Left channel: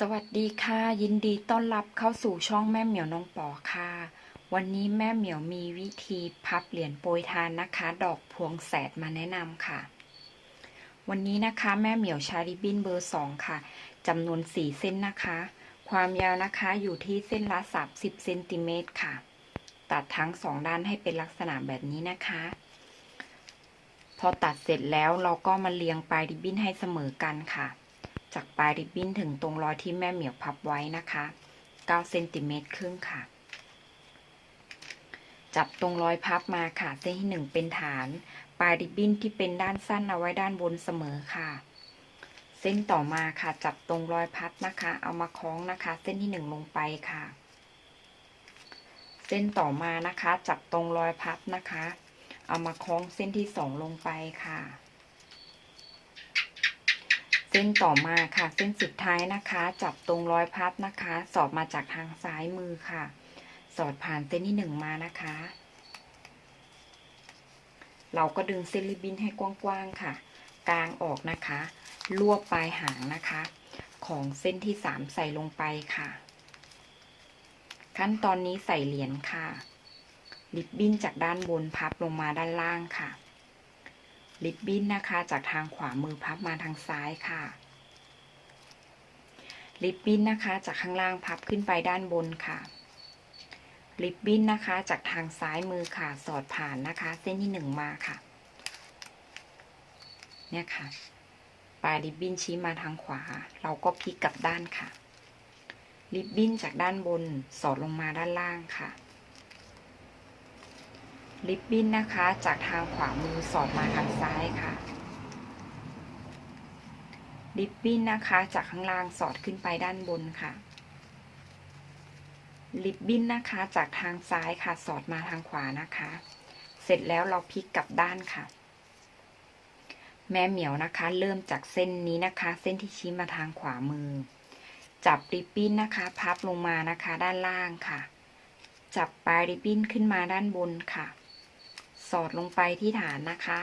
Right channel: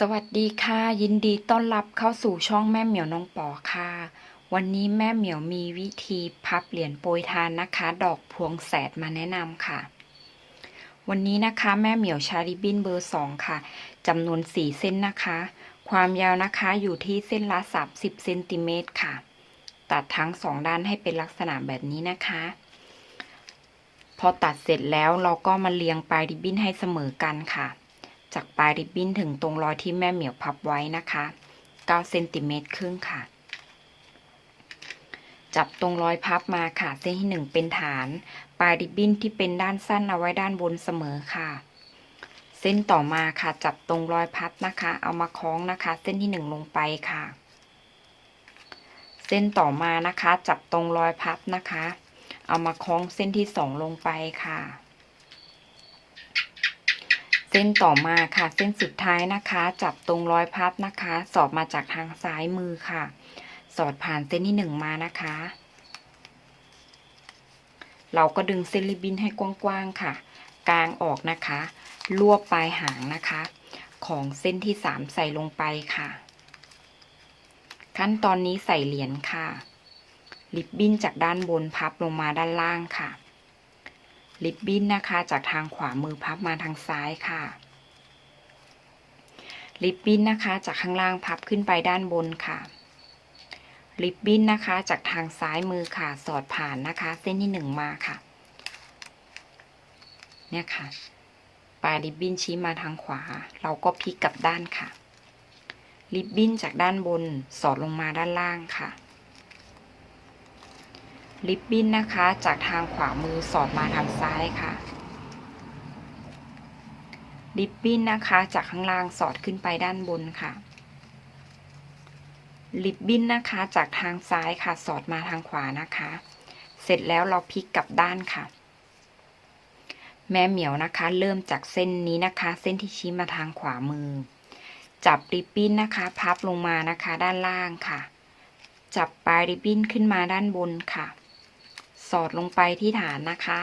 สวัสดีค่ะ ยินดีต้อนรับเข้าสู่ช่องแม่เหมียวน้องปอค่ะ วันนี้แม่เหมียวมีวิธีพับเหรียญโปรยทานนะคะ ดอกพวงแสดมาแนะนำค่ะ วันนี้นะคะแม่เหมียวใช้ริบบิ้นเบอร์สองค่ะจำนวน4เส้นนะคะ ความยาวนะคะอยู่ที่เส้นละ30เซนติเมตรค่ะ ตัดทั้งสองด้านให้เป็นลักษณะแบบนี้นะคะ พอตัดเสร็จแล้วเราก็มาเรียงปลายริบบิ้นให้เสมอกันค่ะ จากปลายริบบิ้นถึงตรงรอยที่แม่เหมียวพับไว้นะคะ9เซนติเมตรครึ่งค่ะ จับตรงรอยพับมาค่ะ เส้นที่ 1 เป็นฐาน ปลายริบบิ้นที่เป็นด้านสั้นเอาไว้ด้านบนเสมอค่ะ เส้นต่อมาค่ะ จับตรงรอยพับนะคะ เอามาคล้องนะคะ เส้นที่ 1 ลงไปค่ะ เส้นต่อมานะคะ จับตรงรอยพับนะคะ เอามาคล้องเส้นที่ 2 ลงไปค่ะ ส้นต่อมาค่ะ เส้นสุดท้ายนะคะ จับตรงรอยพับนะคะ สอดมาจากทางซ้ายมือค่ะ สอดผ่านเส้นที่หนึ่งมานะคะ เราก็ดึงเส้นริบบิ้นให้กว้างๆค่ะ กลางออกนะคะรวบปลายหางนะคะ ของเส้นที่สามใส่ลงไปค่ะ ขั้นตอนนี้ใส่เหรียญค่ะริบบิ้นจากด้านบนพับลงมาด้านล่างค่ะ ริบบิ้นนะคะ จากทางขวามือพับมาทางซ้ายค่ะริบบิ้นนะคะ จากข้างล่างพับขึ้นไปด้านบนค่ะริบบิ้นนะคะ จากทางซ้ายมือค่ะ สอดผ่านนะคะ เส้นที่หนึ่งมาค่ะ เนี่ยค่ะ ปลายริบบิ้นชี้มาทางขวา เราก็พลิกกลับด้านค่ะ ริบบิ้นจากด้านบนสอดลงมาด้านล่างค่ะ ริบบิ้นนะคะ จากทางขวามือสอดมาทางซ้ายค่ะริบบิ้นนะคะ จากข้างล่างสอดขึ้นไปด้านบนค่ะริบบิ้นนะคะ จากทางซ้ายค่ะ สอดมาทางขวานะคะ เสร็จแล้วเราพลิกกลับด้านค่ะ แม่เหมียวนะคะ เริ่มจากเส้นนี้นะคะ เส้นที่ชี้มาทางขวามือ จับริบบิ้นนะคะ พับลงมานะคะ ด้านล่างค่ะจับปลายริบบิ้นขึ้นมาด้านบนค่ะ อดลงไปที่ฐานนะคะ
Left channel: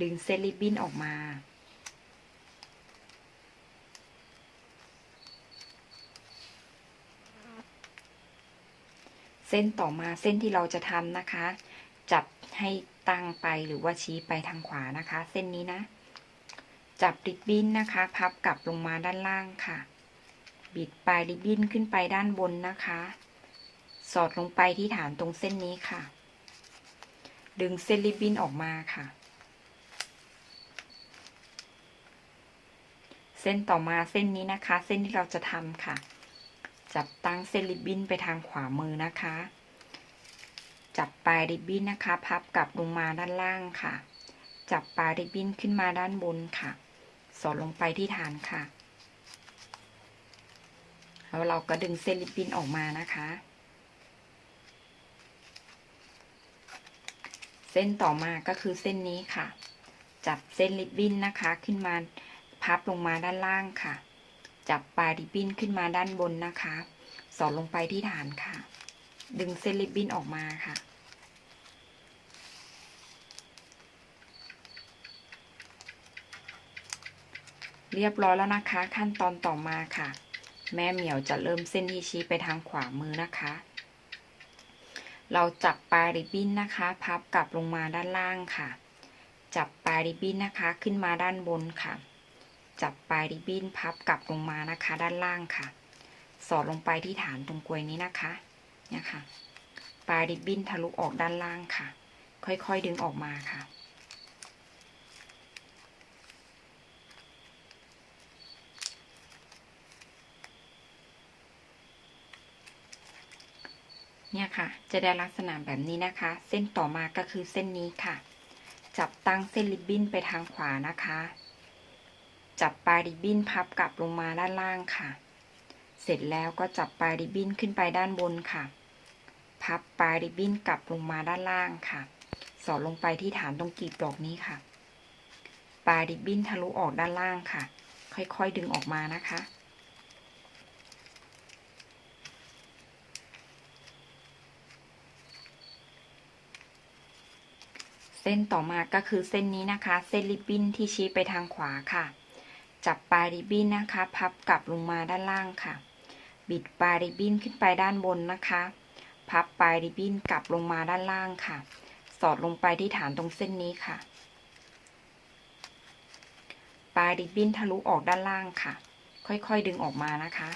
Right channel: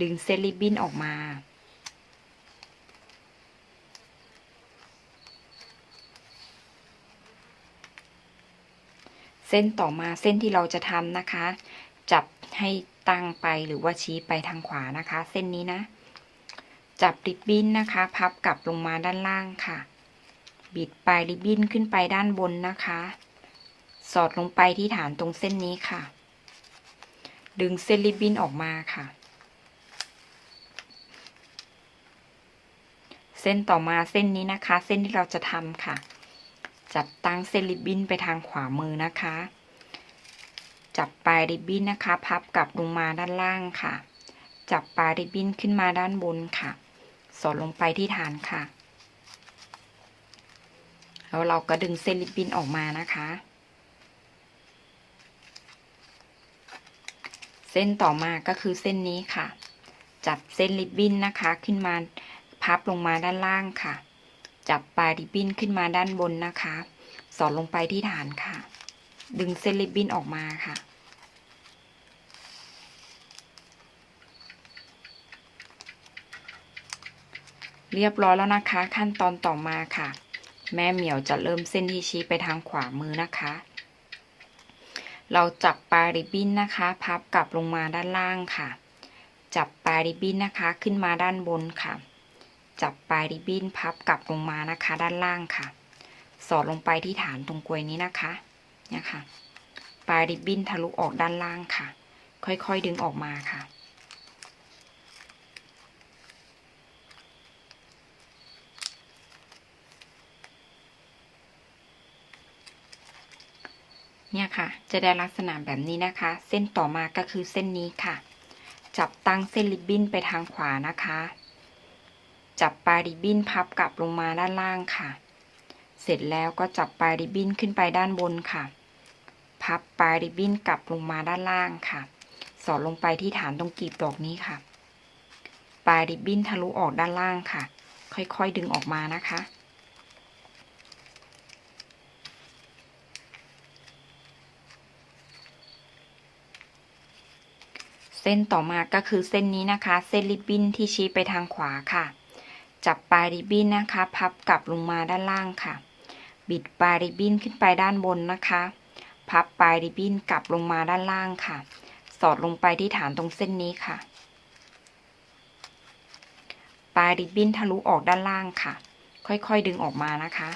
ดึงเส้นริบบิ้นออกมา เส้นต่อมาเส้นที่เราจะทำนะคะ จับให้ตั้งไปหรือว่าชี้ไปทางขวานะคะ เส้นนี้นะ จับริบบิ้นนะคะ พับกลับลงมาด้านล่างค่ะ บิดปลายริบบิ้นขึ้นไปด้านบนนะคะ สอดลงไปที่ฐานตรงเส้นนี้ค่ะ ดึงเส้นริบบิ้นออกมาค่ะ เส้นต่อมาเส้นนี้นะคะ เส้นที่เราจะทำค่ะ จับตั้งเส้นริบบิ้นไปทางขวามือนะคะ จับปลายริบบิ้นนะคะ พับกลับลงมาด้านล่างค่ะ จับปลายริบบิ้นขึ้นมาด้านบนค่ะ สอดลงไปที่ฐานค่ะ แล้วเราก็ดึงเส้นริบบิ้นออกมานะคะ เส้นต่อมาก็คือเส้นนี้ค่ะ จับเส้นริบบิ้นนะคะขึ้นมาพับลงมาด้านล่างค่ะ จับปลายริบบิ้นขึ้นมาด้านบนนะคะ สอดลงไปที่ฐานค่ะ ดึงเส้นริบบิ้นออกมาค่ะ เรียบร้อยแล้วนะคะ ขั้นตอนต่อมาค่ะ แม่เหมียวจะเริ่มเส้นที่ชี้ไปทางขวามือนะคะ เราจับปลายริบบิ้นนะคะ พับกลับลงมาด้านล่างค่ะ จับปลายริบบิ้นนะคะ ขึ้นมาด้านบนค่ะ จับปลายริบบิ้นพับกลับลงมานะคะ ด้านล่างค่ะ สอดลงไปที่ฐานตรงกลวยนี้นะคะเนี่ยค่ะปลายริบบิ้นทะลุออกด้านล่างค่ะ ค่อยๆดึงออกมาค่ะ เนี่ยค่ะ จะได้ลักษณะแบบนี้นะคะ เส้นต่อมาก็คือเส้นนี้ค่ะ จับตั้งเส้นริบบิ้นไปทางขวานะคะ จับปลายริบบิ้นพับกลับลงมาด้านล่างค่ะ เสร็จแล้วก็จับปลายริบบิ้นขึ้นไปด้านบนค่ะ พับปลายริบบิ้นกลับลงมาด้านล่างค่ะ สอดลงไปที่ฐานตรงกีบดอกนี้ค่ะ ปลายริบบิ้นทะลุออกด้านล่างค่ะ ค่อยๆดึงออกมานะคะ เส้นต่อมาก็คือเส้นนี้นะคะ เส้นริบบิ้นที่ชี้ไปทางขวาค่ะ จับปลายริบบิ้นนะคะ พับกลับลงมาด้านล่างค่ะ บิดปลายริบบิ้นขึ้นไปด้านบนนะคะ พับปลายริบบิ้นกลับลงมาด้านล่างค่ะ สอดลงไปที่ฐานตรงเส้นนี้ค่ะ ปลายริบบิ้นทะลุออกด้านล่างค่ะ ค่อยๆดึงออกมานะคะ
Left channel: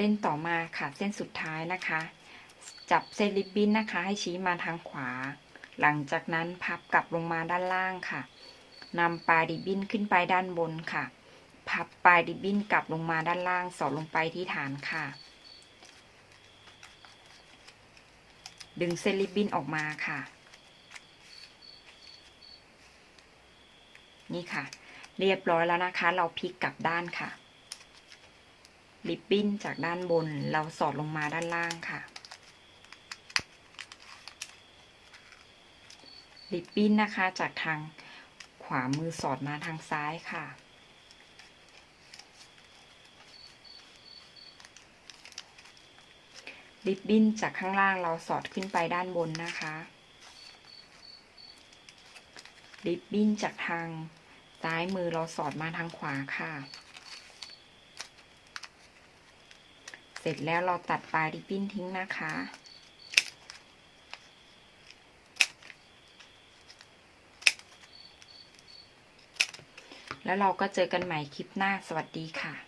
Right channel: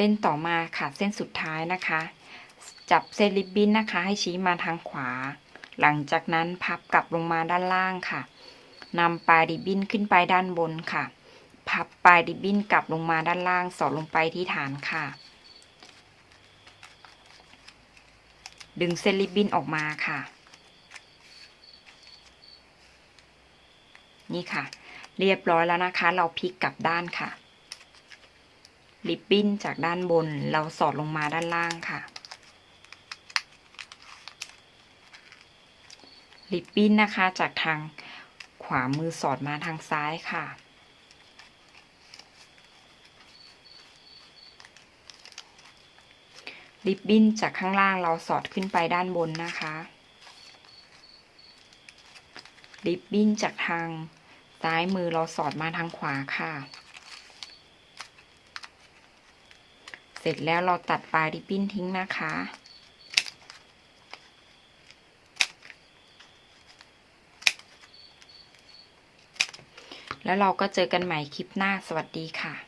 เส้นต่อมาค่ะเส้นสุดท้ายนะคะ จับเส้นริบบิ้นนะคะ ให้ชี้มาทางขวา หลังจากนั้นพับกลับลงมาด้านล่างค่ะนำปลายริบบิ้นขึ้นไปด้านบนค่ะ พับปลายริบบิ้นกลับลงมาด้านล่างสอดลงไปที่ฐานค่ะ ดึงเส้นริบบิ้นออกมาค่ะ นี่ค่ะ เรียบร้อยแล้วนะคะ เราพลิกกลับด้านค่ะ ริบบิ้นจากด้านบนเราสอดลงมาด้านล่างค่ะ ริบบิ้นนะคะจากทางขวามือสอดมาทางซ้ายค่ะ ริบบิ้นจากข้างล่างเราสอดขึ้นไปด้านบนนะคะ ริบบิ้นจากทางซ้ายมือเราสอดมาทางขวาค่ะ เสร็จแล้วเราตัดปลายริบบิ้นทิ้งนะคะ แล้วเราก็เจอกันใหม่คลิปหน้าสวัสดีค่ะ